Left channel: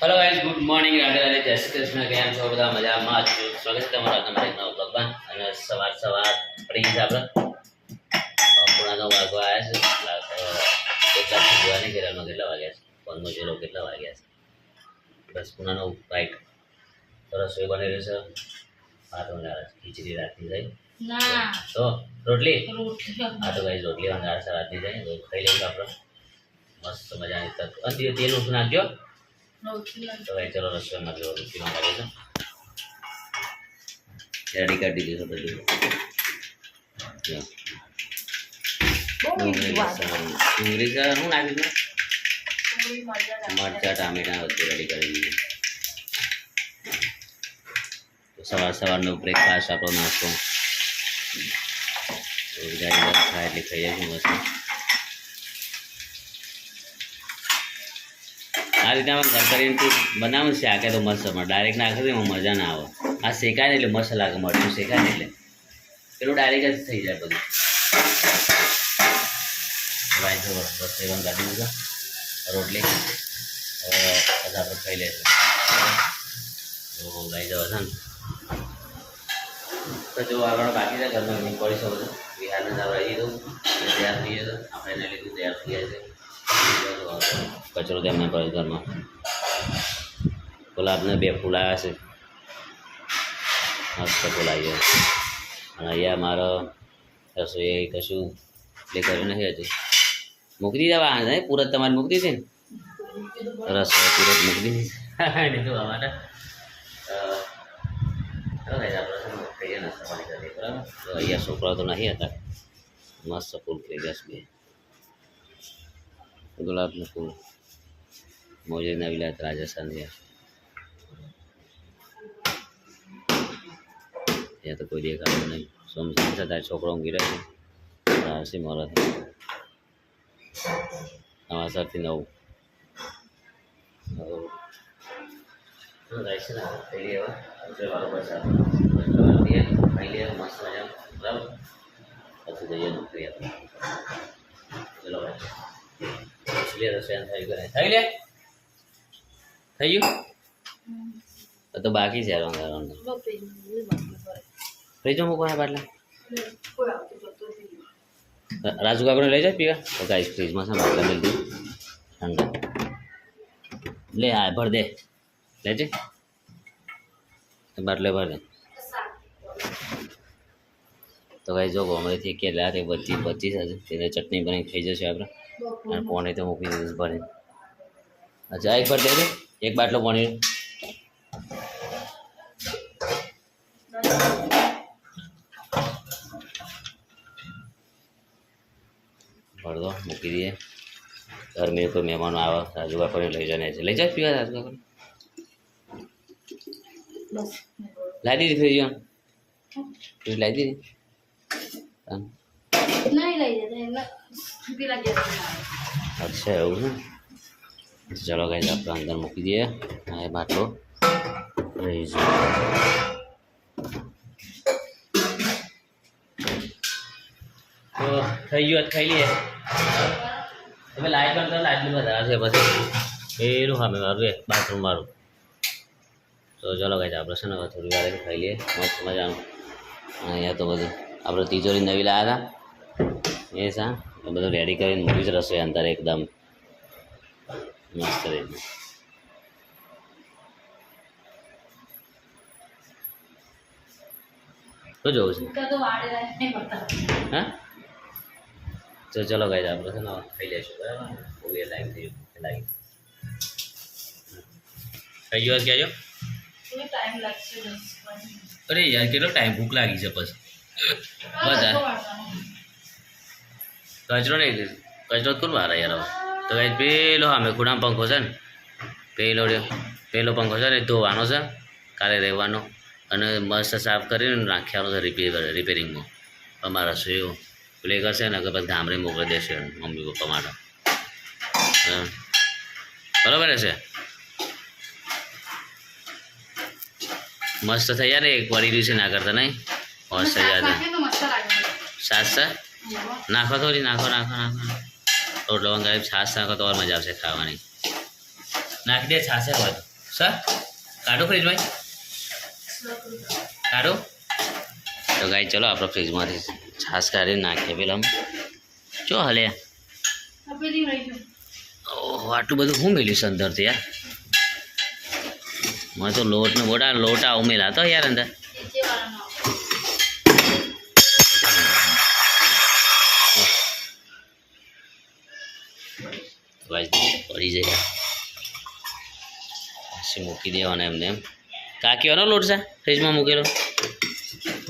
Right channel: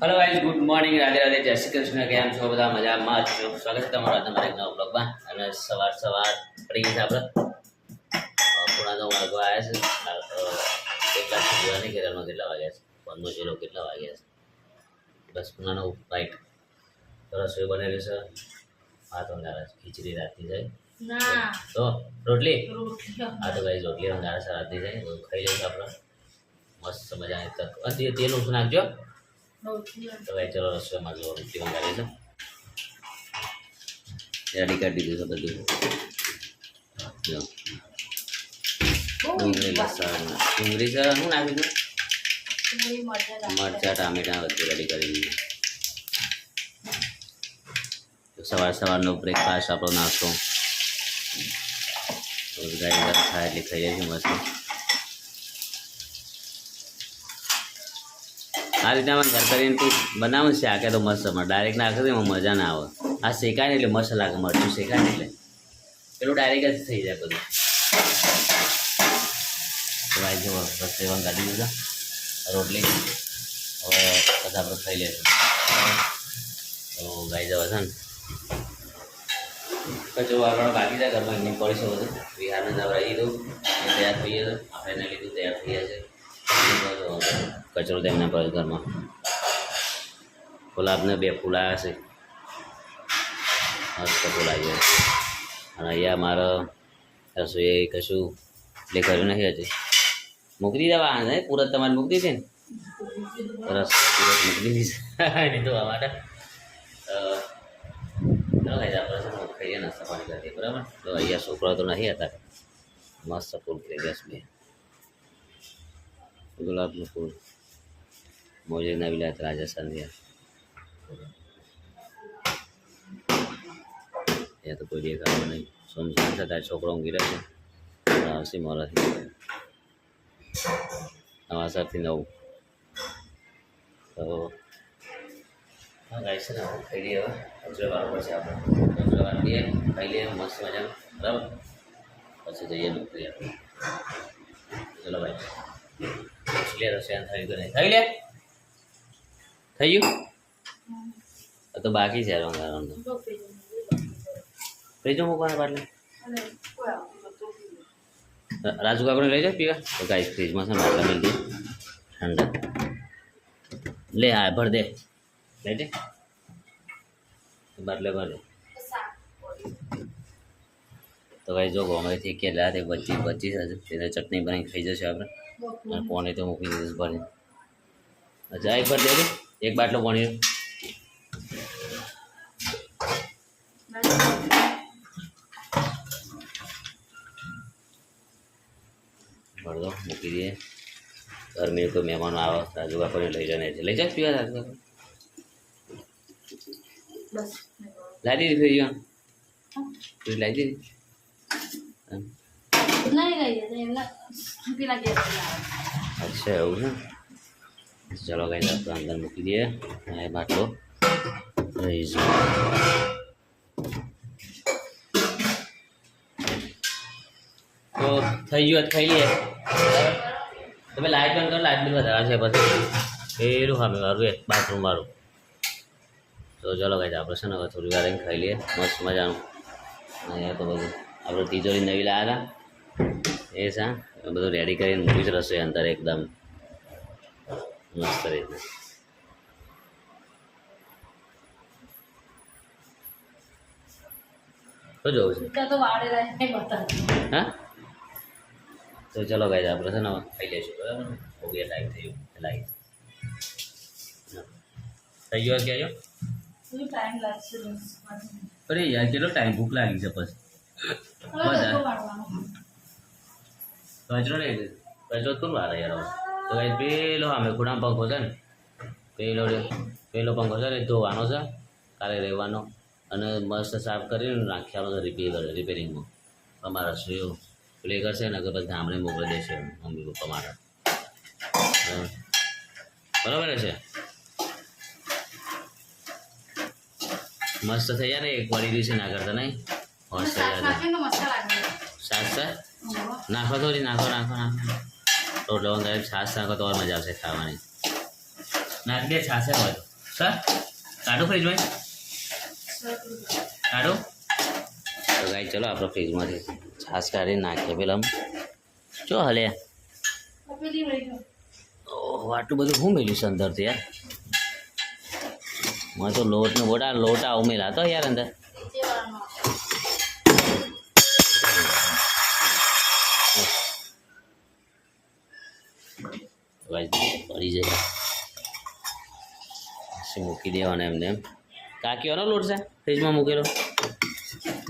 Hello guys, good morning, Radhe Radhe, જય શ્રી કૃષ્ણ. કેમ છો બધા? મજામાં જ છો? સ્વાગત છે તમારા તમારા નવા બ્લોગમાં. અને સવાર પડી ગઈ છે આપણે પૂણા 9 વાગવા આવ્યા છે. એક લાખ જોવા નહીં કેરળમાં કેટલા વાગ્યા છે, ફોનનો ચેલો કેટલા વાગ્યા છે. બસ પૂણા 9 રાઈટ. તો રસોઈ બની રહી છે. ભાત વંગાળે છે, ખીચડી રાતની જાય ના તો રોટલી. હા તો ગાઈઝ રોટલી વંગાળે છે રાતની જાય તો ખાઈ લઈશું આપણે મસ્ત મજાની તક. તેલ ઓછું નાખજો. તો ભાઈ ચલો રસોઈમાં જો રોટલી મંગાવી દો. રેડી કરી દીધું છે બધું. જો ડુંગળી લસણ ડુંગળી છે શું નાખ્યું હતું? મરચા ટામેટા બધું રેડી કરી દીધું. સવારનો બ્રેકફાસ્ટ આપણો નાસ્તો ગાડી ખાય એટલે ખાઈ જાય છે મસ્ત. આ રીતે આમાં ઘર કરીને તું બનાવું શાકે તો મસ્ત મળે. ડાયરેક્ટ નાખે તો એમાં મજા ના આવે. આ શેકાય ને એટલે મસ્ત લાગે. મરચું શેકાય ને એટલે પેલું ડાયરેક્ટ જ થઈ જાય બધું. ભાઈ જો રસોઈ કાઢી દીધા રોટલી હવે બધા આપણે ખાઈ લઈશું. તો ગાઈ જવા છે ને કચરો આગળ બાકી જાય ઘરમાં ઘૂમ પડી છે બધું. બિહારને જવા રહી દઉં તૈયાર થઈ જાય. આપણે એના લીધું તૈયાર થઈ જાય છે. કચરો તેમને પડે ઘરમાં. ગુલાબને 2 ફૂલ આવ્યા છે મસ્ત ફૂલ આવી જાય છે. અને અહીંયા મારો રસોઈ કશું એટલે કર્યું નથી હજી. મૂકી દીધા વાહ ને પૂરત તમારે મૂકી દીધી ને રસોઈ પૂરત મૂકી દીધી છે નહીં તો આ માટે ચાલો ભાઈ આપણે છે ખાઈએ નાસ્તા પાણી કરીએ બરાબર. તો અહીંયા છોકરાઓ તો નહીં હતા. મસ્ત ફૂલ થઈ ગયા છે. ગુલાબનું ફૂલ મોજે નવી લાત રાજસ્થાન થયા. ત્યાં તો કોઈ દેખાતું નહીં. સોમસાન થતા છોકરો ઊંઘી રહ્યો છે. આવશે મોરાથી 9 થી 9. તો હા ગાય છે ને ખાઈ લઈએ. હવે અજરવાળો પછી આપણે અજરવાળો લઈએ ખાઈ લઈએ મસ્ત મજાનું બરાબર. પછી જઈએ નોકરી આપણે. ચલો ભાઈ લે રસોઈ થઈ ગઈ થઈ લે થઈ ગયું તો બાકી છે ફ્રીજમાં મૂકવાના બાટલા. રાજુ કાકડને લઈ જાય પીવા તો ગાઈસ ફ્રીજમાં છે બાટલા મિલ દઉં ઠંડા. લે આ ભર દે લેજે બાટલે ભર દે. તો ગાઈસ જો ગોમડેથી કેટલા તે 25 હશે તેને ચટણી બની ખાઈ જશે આપણે. અને પાણી તો મૂકી દીધું ભરીને. અચ્છા એક ભર દેજો એક બાટલો પાણી ભર દો મૂકી દઈએ. ગરમી કોઈ મહેમાનો આવે રાજુ કાકોને લઈ જાય છે. લઈ જાય પીવા રાજુ કાકો લાવી દીધી ફ્રીજ ફ્રીજ લાવી દીધી. અચ્છા એવું છે. ચલો ગાઈસ આપણે અંદર મૂકી દઈએ. આ બાટલો રહી જાય. તો થઈ ગયું ખાઈ લઈએ. તમે લાઈટ બંધ કરો. લાઈટ બંધ વધારે છે પછી પેલું સામે મારું બાથરૂમ વાળું. તો ચલો ગાઈસ આપણે છે ને હવે થોડી વાર ખાઈ લઈએ મસ્ત મજાનું. અહીંયા તો બધું આપણે તિજોરી નવી લાવ્યા હતા એ સા બધું રેડી કરીને મૂકી છે રસોઈ અંદર એકદમ મસ્ત રીતે. તો જોવું છે હા. તો ચલો ગાઈસ આપણે છે ને ખાઈ લઈશું બરાબર. બહુ એ ટાઈમ થઈ ગયો લાગી થઈ ગયો કહેજો. અરે યાર કેટલો ટાઈમ ભૂખ લાગી છે પછી બધા કચરો નહીં કચરો કોણ વાર યાર હવે. તો ગાઈસ પેલો અમે ખૂણામાં પંખો છે ને પેલો પંખો છે ને ધોવાનો છે કાલે રહેવાનો અને મસ્ત સાફ કરીને નાખ્યાનો છે રિપેરિંગમાં. અમારા રસોઈઓ પ્લે કરશે ને કે પછી ગામડે મોકલી દેશે મમ્મી પપ્પા માટે બરાબર છે. મસ્ત થઈ જાય ને એક વળી રહ્યું છે ના કરતા નહીં મસ્ત થઈ જાય. સાસ નાખો થોડી નાખો રોટલો વંગાળી છાશ નાખો તો મજા આવશે ખાવાની. નાખી દે છાશે હોય તો સર કાઢું ફ્રીજમાં કાઢું તો ગાઈ ચલો આપણે ફ્રીજમાંથી છાશ કાઢીને નાખીએ પેલા ચો હલે ઓહ આટલું બધું શું મેલ્યું છે અંદરથી યાર મને તો લોટા ઉમેરા તો યાર અંદર પડી જાય પછી મૂકી દેવાનો એમને એમ કાકીઓનો લોટ છે ફ્રીજમાં મૂકેલો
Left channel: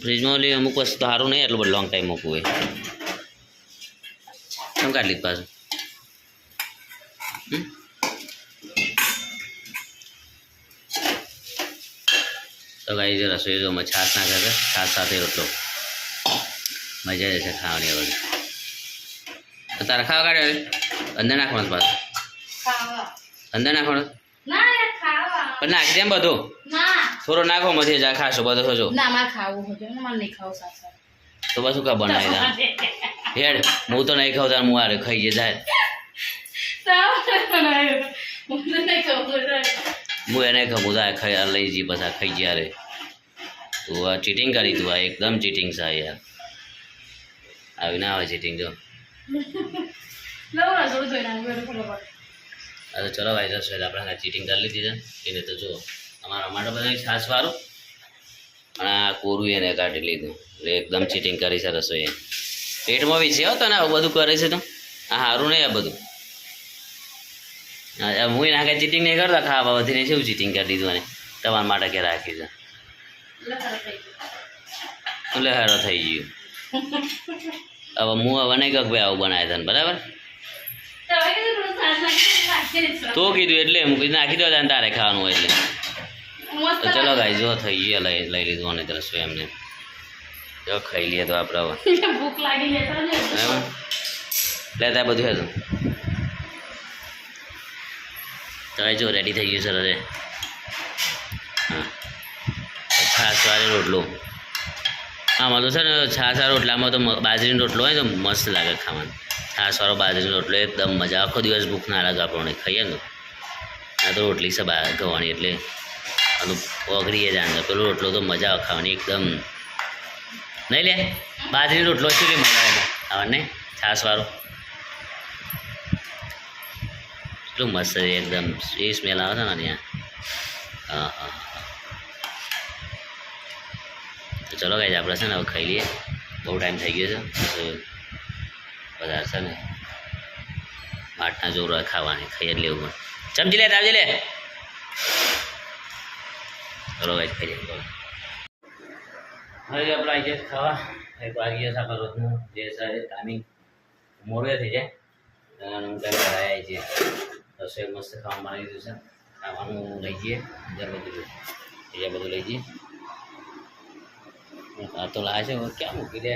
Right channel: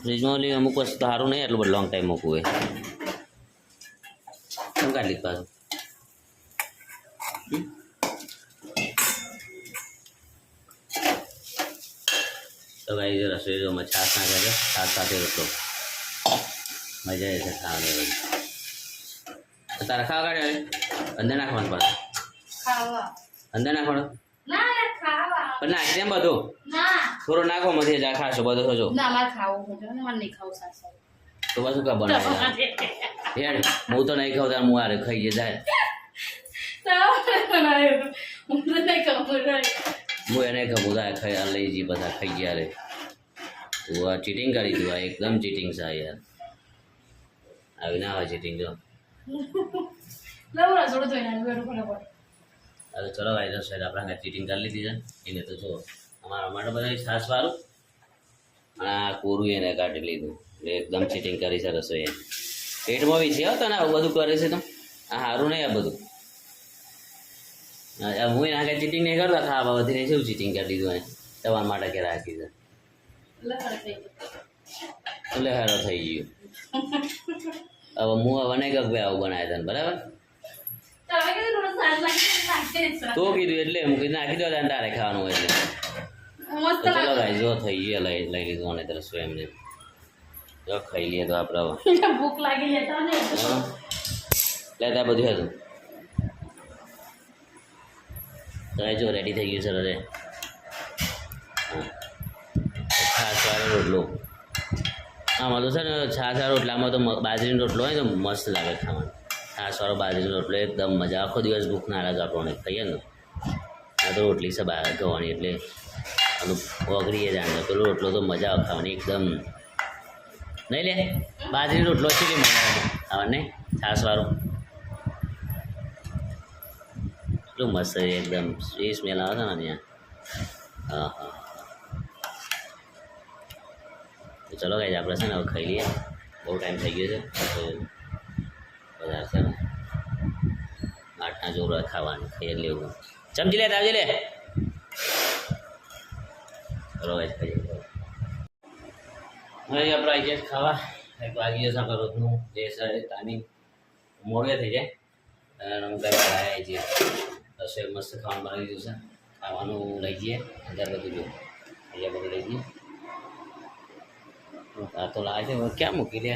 ફ્રીજમાં ઓલી અમુક વસ્તુ સારું નહીં એટલું બધું લોંગ ટાઈમ મૂકવું હોય કેમ કાઢી લીધ પાછું તો ગાઈ રસોઈ તો છાશ ના કરે છાશ સાથે રોટલો મજા જશે ખાવાની બધું તો તારે ખાવા કાઢે અંદર નાખવાનું પાછું અંદર નાખવાનું પણ નાખી દે બધું થોડો નાખો મથી જા ખાશો બધો થજો તો પાછું કા બનાવી હેડ હું તો નહીં ખાવ તાર હું આરે ખાઈ જાય હું એને ખબર થાય ખાઈ લઈ જઈ પછી ખાઈ ગયા રે તું આ ચીટિંગ કરી તું આ એકદમ ચીટિંગ છે યાર આવી ના આવે ચીટિંગ જો અરે ચલો ભાઈ રસોઈ આપણે ચીટિંગ કરી લીધી છે એને તો જો અમારા માટે બધા છાશવાળું અને આ કોરું એને કાઢી લીધું એટલે એકદમ ચીટિંગ કરી છે રસોઈ પેટમાં બી છે હો તને આવું બધું કરે છે તો આ સારું નહીં આ બધું હું એના કાંઈ ચીટિંગ નહીં કરતા ખાવા બધીને શું ચીટિંગ કરી દીધું અને તમારા માટે કે રાખી છે લહેરો થઈ ગયું હવે હું હવે નહીં કહું ભાઈ આવું બનાવે તને બરાબર તો કીધું એટલે હું કીધું નાખી દો તારે ખાવાનું હોય એટલે તો ચલો ગાઈ જો થઈ ગયો લઈ લીધું અને તરસ એમને જો ખાઈ લઈએ તો આપણે હવે ભૂખ લાગી લેતા બધું હતું તો જો રેડી થઈ ગયું સર અરે હા છાશવાળી રોટલો આમાં તો છે ને છાશવાળા રોટલામાં તો બાજરીનો રોટલો હોય તો મસ્ત લાગે ખાવાનું છાશવાળો બાજરીનો રોટલો એકદમ મજા આખો દિવસ ભૂખ ના લાગે આપણને ખાઈએ ને આ તો રોટલી છે ગવાની એટલે આનું ઓગળીએ જાણે પેલો રોટલો તો મજા આવે ખાવાની એકદમ નહીં લે બાજરીનો રોટલો છે કે મજા આવે ખાવાને છાશવાળો એટલું મસ્ત છે એકદમ એ સ્મેલ આવે છે ને ત્યાં હા હા તો ચલો ગાઈઝ આપણે છે ને હવે ખાઈ લઈએ બહુ ટાઈમ થઈ ગયો છે વધારે છે ને માટના જોર ખાવાની ખાઈ જ લેવું પણ ચમચી લે તાવજી લે ચલો ગાઈઝ ખાઈ લઈએ હવે આપણે આવી ગયા ખાવા એક વાગી ગયો છે આપણે રોજનું જે છે ટાઈમિંગ મોડે થઈ જાય અને હું કંઈ આવી છીએ રસોઈ મસ્ત ખાવાનું બનાવી દીધું છે ખાવાનું લઈ જઈએ અંદર બધું અહીંયા બધું લઈ જઈએ આ તો લાવે છે ક્યાં મૂકી દે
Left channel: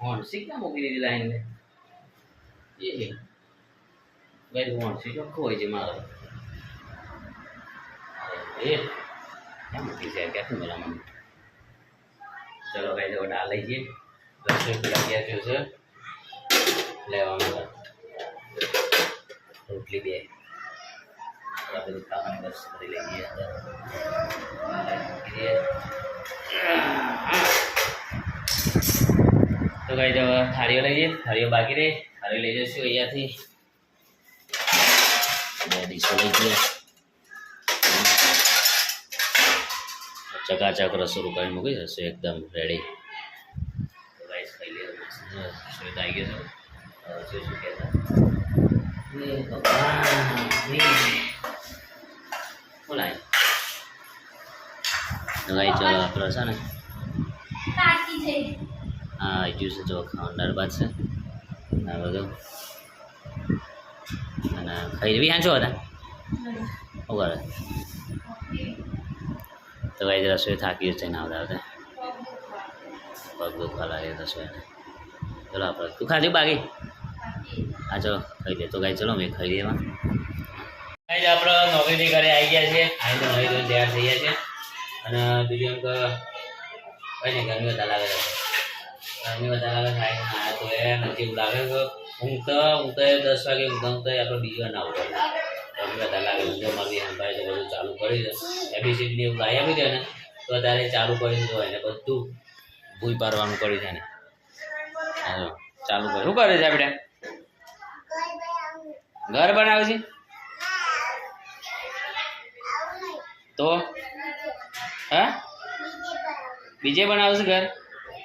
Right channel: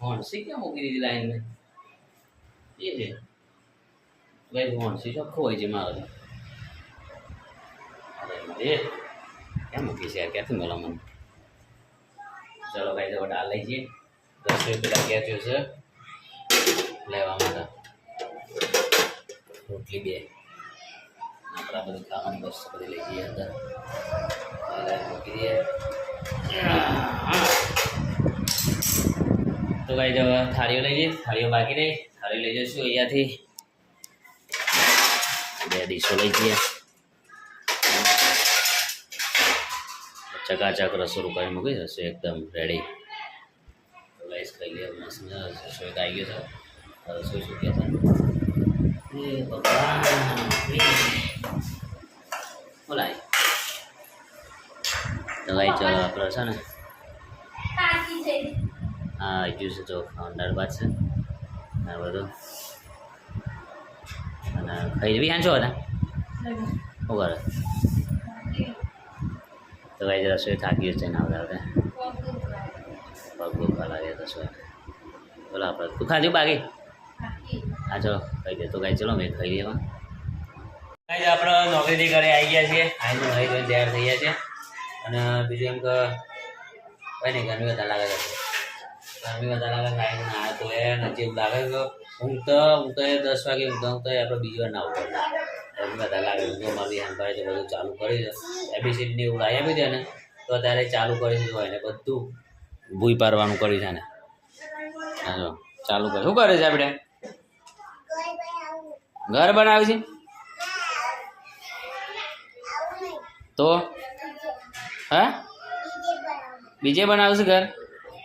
હોણસી ક્યાં મૂકી દીધી લાઈને એ છે ભાઈ હોણસી ચોખ્ખો હોય છે મારો તો એ ક્યાં મૂકી છે ક્યાંથી મળે મને ચલો ભાઈ તો દાળ લઈ જઈએ રસોઈ પેલા ક્યાં થયું છે લેવા માટે રોટલી બે આપણા બધું ખાવાની વસ્તુ બધી લઈ જઈએ અંદર મૂકી દઈએ તો કઈ જવા થાળીઓ લઈ જઈએ થાળીઓ બાકી રહી થાળી લઈ જઈશું અહીંયાથી બે ડીશો લઈ જઈએ ચકાચક રસોડું કરી મૂકી રસોઈ એકદમ રેડી તો ગાઈસ ખાઈ લઈએ રસોઈ આવી ગયો છે રસોઈ શું કહે છે બોલાય તો ગાઈ ચલો આપણે છે ને હા જ્યુસ જો ખાવાનું દાળ ભાત છે આ બધું અને ખાઈ બી હાંચો હતા શું કરે તો ગાઈ રસોઈ થાકી છે ના આવતા પગ દુખવા લાગે રસોઈને ચલો આપણે તું ખાધું બાકી હા ચલો ખાઈ લે તો ગાઈ ચલો મેં ખાઈ લેવા ગાઈ આપણે નોકરી ઘરે આવી ગયા છીએ આવીને નહીં તૈયાર થઈ ગયા છે અને બીજું એમ કે કંઈ નહીં ગરમી વધારે લાગે છે ગરમી વધારે લાગે છે ના તો એ નજીક લાગે કે ઊંઘતો 10 વાગે ઊંઘતા આપણે બીજી વાર ના ઉઠે ગરમી વધારે લાગે છે. જો મારી ભાઈ તો બધું ચાલુ કરી દે એબીસીડી એવું લાવી આપી દે ને તો તારે ચાલુ કરી હોય ને બધું ભૂઈ પારવાનું કર્યું છે ને. હા જો ચાલુ કરે. શું કરે છે આપણે? ઘર બનાવ્યું છે તો હા બીજે બનાવ્યું છે ઘર?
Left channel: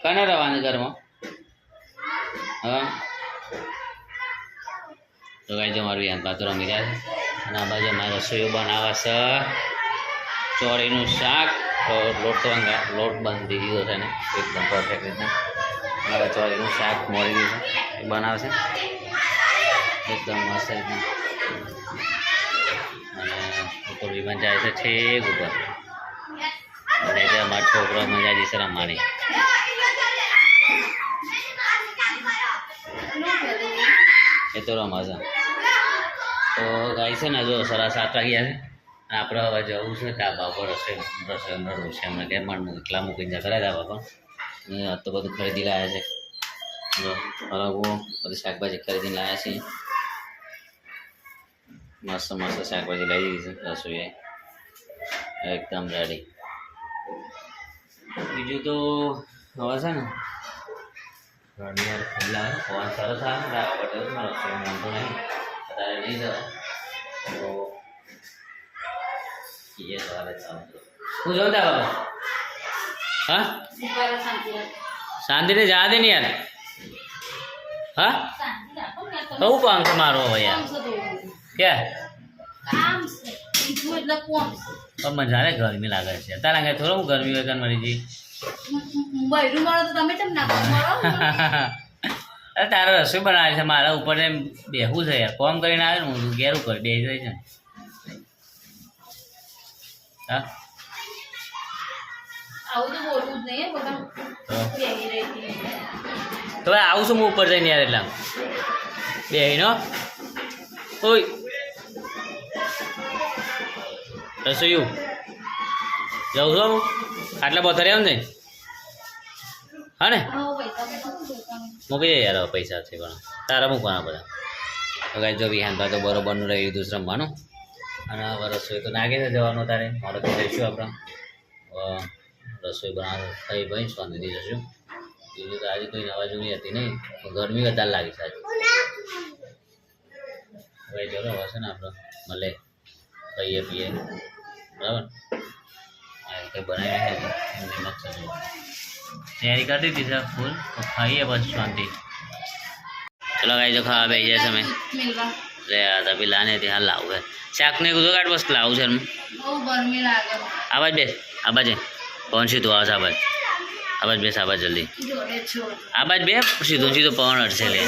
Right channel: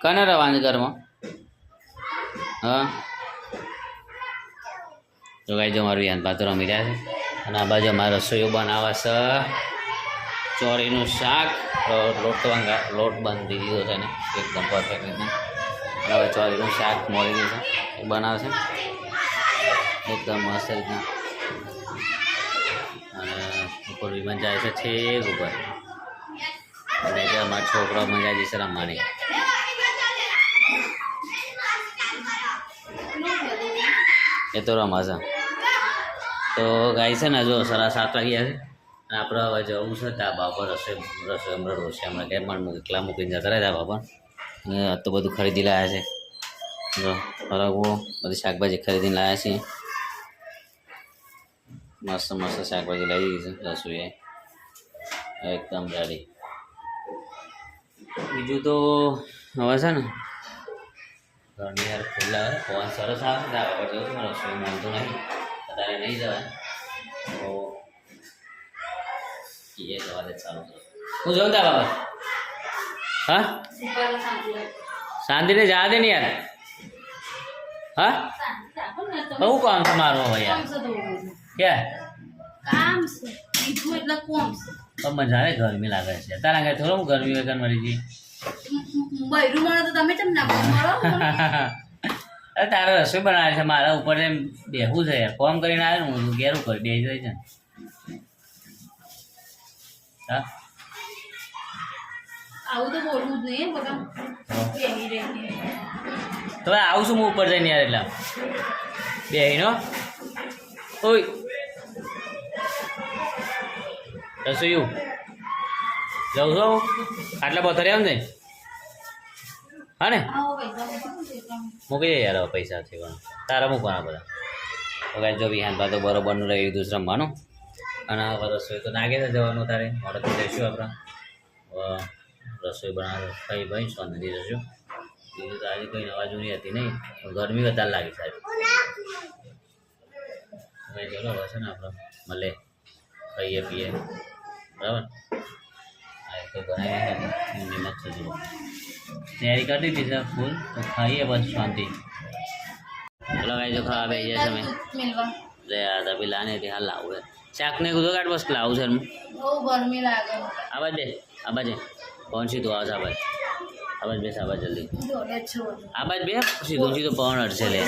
કને રહેવાનું ઘરમાં? હા તો ગાઈ જો મારું યાન પાત્ર રમી રહ્યા છે અને આ બાજુ મારે રસોઈઓ બનાવવા છે. ચોરીનું શાક લોટ બાંધી દીધો છે ને એકદમ પરફેક્ટ રીતના. હવે ચોરીનું શાક મોરીનું છે એ બનાવશે એકદમ મસ્ત રીતના. અને ઉપર વિમાન જાય છે ઠીક ઉપર અને ત્યાં મારા છોકરો મજા જશે રમવાની. એ તો રમાશે. તો ગાય છે ને જો 7:30 વાગ્યા છે અને આપણે હવે જવું છે ધાબા પર. રસોઈ હમણાં રોશે હમણાં ત્યાં એકલા મૂકીને જતા રહ્યા ધાબા પર. તો બધું ખરીદી લાવ્યા છે. જો બરાબર બધી શાકભાજી ખરીદીને લાવ્યા છીએ. મસ્ત મસ્ત શાકભાજી લઈ દીધી છે. રસોઈ એકદમ રેડી. બીજું તો હવે છે ને ઘરની યાર ખુલ્લા પવન સરસ આવે ને ધાબા પર જવું છું. રસોઈ માનતો નહીં અત્યારે નહીં જવાય તો એ સવારે ચાલુ છું. હું જાઉં ધાબા પર. હા શાંતિને જા દે ને યાર. હા બહુ કામ છે મારું હવે યાર. ક્યાં પણ મજા આવે ગરમી લાગે છે તારા ઘરે થોડું ગરમી હોય કાન મરી જઈ. અરે તારે રસોઈ બનાવે છે મારા ઉપર એમ બેહવું છે યાર. કોમ કરીને આવે ને હું ઘેરું કરી બેસી જાય છે ને. હા તો આવું છું હું ઉપર જઈને યાર. એટલા બેહીનો ઓય રસોઈયું જાઉં છું હું આટલા પથારી આમ જઈને. હા ને મૂકી જાય યાર પૈસા છે પણ તારા મૂકવાના બધા. તો કાંઈ જો વિહાન તો બરોબરનું રહી લીધું રમવાનું. અને હવે રસોઈ તો નાગે છે જવાનું તારે મોડો તો લઈશું આપણે. રસોઈ બનાવ ખાઈ ભાઈ શાંતિથી જશું. બીજું તો આજે કોઈ નવા જૂની હતી નહીં ગરમી વધારે લાગી છે આજે. હવે ચલો હવે છે ને આપણે મળે ખાઈએ પીએ બરાબર. કંઈ બનાવીએ નિમક છે જુઓ તૈયારી કરી દીધી છે ફૂલ. તો ખાઈએ બસ શાંતિ. ચલો ગાઈ જો ખાવા બેસી જાય સમય લે યાર પેલા ને ત્યાં લાવું છે શાકને કીધું કાઢ બસ લાવું છે એમ. આવાજ બેસ આબાજ પવન સીધું આવે છે આબાજ બેસ આબાજ જલ્દી આબાજ બે સીધું સીધું પવન અડશે લે.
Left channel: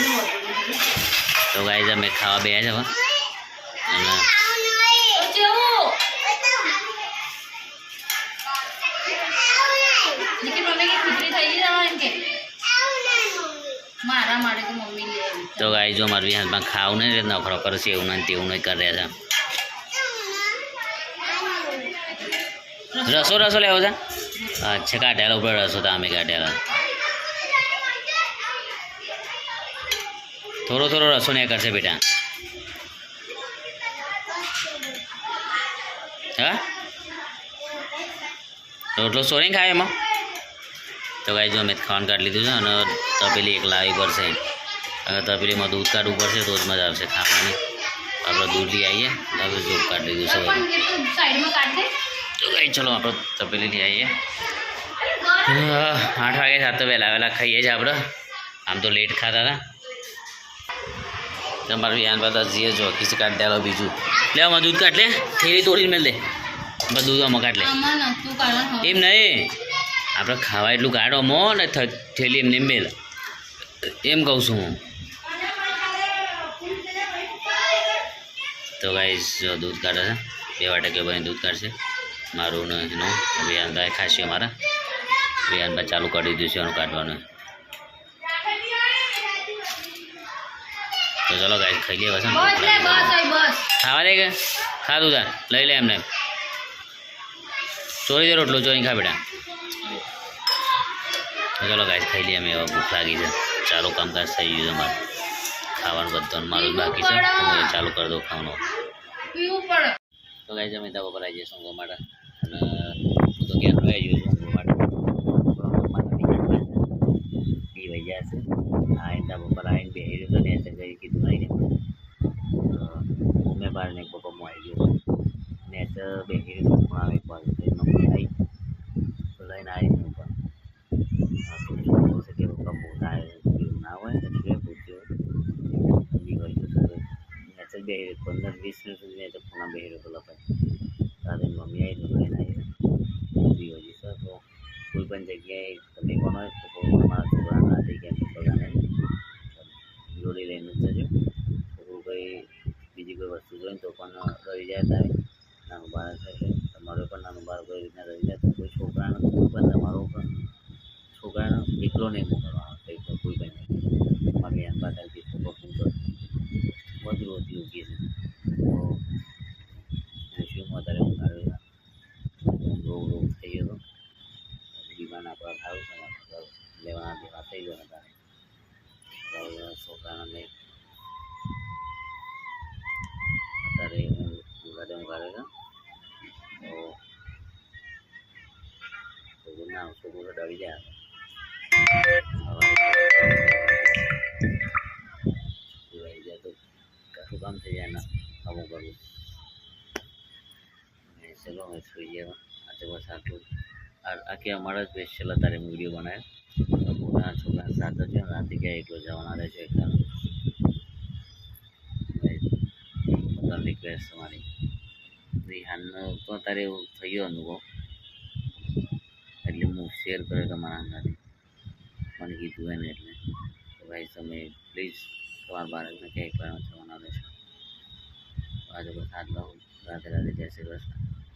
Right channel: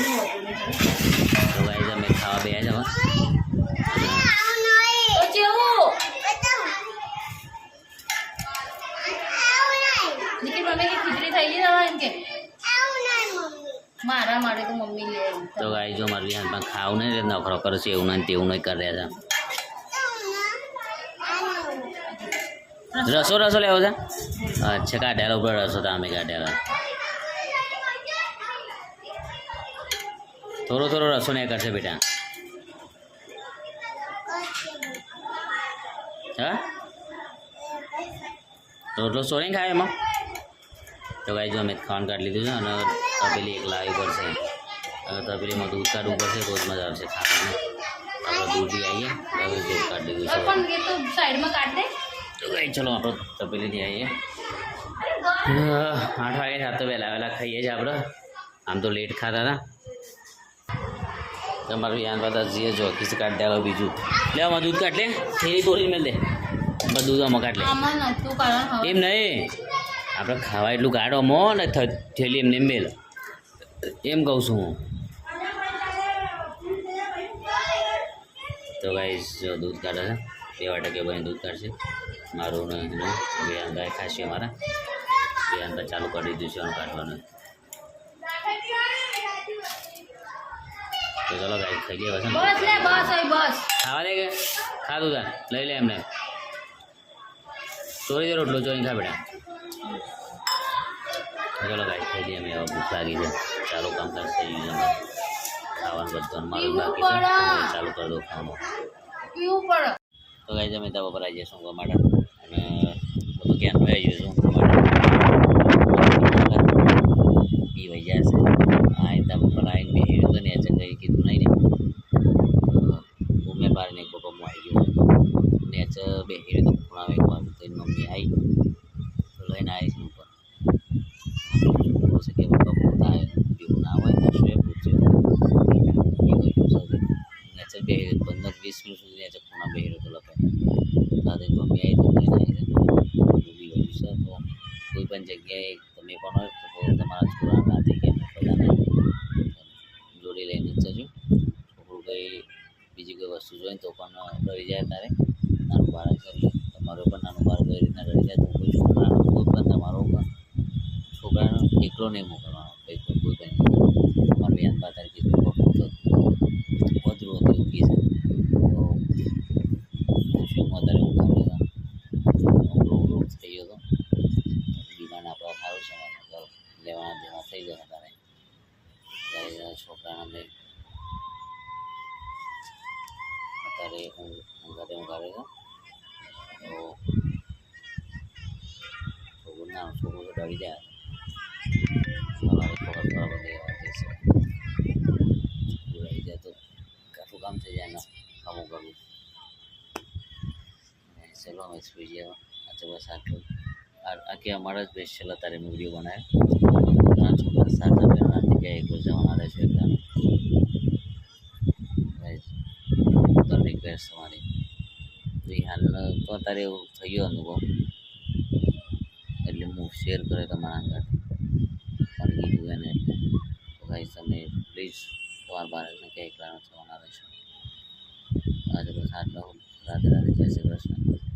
તો ગાઈ અમે ખાવા બે છે હવે. તો ગાઈ જો મારી હાથમાં ખાવ નહીં નખરો કરશે એવું નહીં તેવું નહીં કરી રહ્યા છે. રસો લેવો છે? અચ્છા કાઢેલા ઉપર રસો તો અમે કાઢેલા. થોડો રસો નહીં કરશે બેટા. હા રોટલો સોરી ખાય એમાં. તો ગાઈ જો અમે ખાવાનું કાઢી લીધું છે અને તપેલી એક લાવી પડશે. હવે તપેલીમાં દૂધ કાઢવું પડશે તો જ મજા આવશે ખાવાની. આપણે દૂધ લઈ આવીએ હવે જો કાઢી દીધું છે. તો ગાઈ ચલો આપણે તપેલી લઈ આવીએ. 8 વાગે સાત તો વહેલા ખાઈએ છીએ આપણે. આમ તો લેટ ખાતા હતા. તમારું યાન બધા જીએ જો કિસ કાઢ દે. બીજું લે આમાં દૂધ કાઢ લે થેલી તોડીને મેળ દે બધું આમાં કાઢ લે. એમ નહીં આપણે ખાવા એટલું કાઢો મો ને થેલી એમને મેળ એમ કહું છું હું. તો ગાઈસ જો દૂધ કાઢે છે 2 વાટકે બની દૂધ કાઢશે મારું ને એનું. વિહાનભાઈ ખાસી અમારા વિહાનભાઈ ચાલુ કરી દીધું છે એનું કાઢવાનું. તો ચલો ગાઈસ ખાઈ લઈએ બસ. ખાવા દે કે ખાધું તા લઈ લે એમને. ચોરી દે રોટલો ચોરી ખા બેટા. ચલો ગાઈસ ખાઈ લઈએ અમે. ભૂખ લાગી છે ચાલુ કામકાજ થઈ ગયું છે મારું. ખાવાનું બધું મારું જ બાકી છે હું ચાલુ કરી દઉં ખાવાનું. પીવું પડે. તો ગાઈસ અમે ધાબા પર આવી જઈશું ઊંઘવા માટે અને હું તો ક્યાં આવી જઈશું ઊંઘવા માટે પીવાઈ ગયા છે આ ધાબા પર આવીને બેસી તો ને કંઈ કીધું નહીં ને મેં બહાર ને એક પપ્પા આવી ગયો નેચ બેસી તો ખૂણા એક વાર તો મમ્મી આવી તો લઈને આવી છે ઉપર બોલ છે કે પપ્પા પોતા પીવું ના હોય ને શું પૂછ્યું પીવાઈ ગયું છે નેચર બેસી 15-20 મિનિટ સુધી નેચર ખૂણા બેસી રહ્યો તો લપાઈ સાથે મમ્મી આવી તો લઈને આવી છે પીવાઈ ગયું છે તો કોઈ પણ જગ્યાએ તમે પણ હોય તો તમારા છોકરાને રાતે કે બધાને જોડી લઈને જ જજો છોકરું કંઈ બીજી કોઈ વસ્તુ જોઈને તો પણ ડરી જાય ત્યારે નાનું બાળક છે તમારો પણ નાનું બાળક કોઈ રીતના ડરી જાય તો કોઈ છોકરાને કોઈ પણ તમારો છોકરાને એકલો નહીં મોકલવાનો કોઈ પણ તમારે બેન પાતા કીધું વધુ ઉઠી છે તો શું વધારે ઉઘાડે રોગ થઈ ગયો હતો બીમાર આપણા સારું છે ઘર લેવાના દેવા થઈ ગયા તારે છોકરાને અત્યારે ઊંઘાડે છે તો છોકરું તો ડરી જાય રહી જાય તો કાઠું કામ થઈ જાય ને અમુક અમુક ચલો અમે સુઈ ગયા આજે બસ આટલું આખી અમારા જ સ્પેશિયલ અત્યારે મેં વિડીયો બનાવ્યો ઘણા છોકરા સાથે રાતે ક્યાં એકલો જવાના રહેશે એકદમ રિક્વેસ્ટ તમારી હાલ તો અત્યારે એવું થઈ ગયો અનુભવ એટલે હું શેર કર્યો તમારા સાથે પણ કીધું એને એટલે તો ગાઈસ તમે પ્લીઝ તમારા બાળકને ક્યાં એકલા જવાના રહેશો આજે બસ આટલા રાધે રાધે જય શ્રી કૃષ્ણ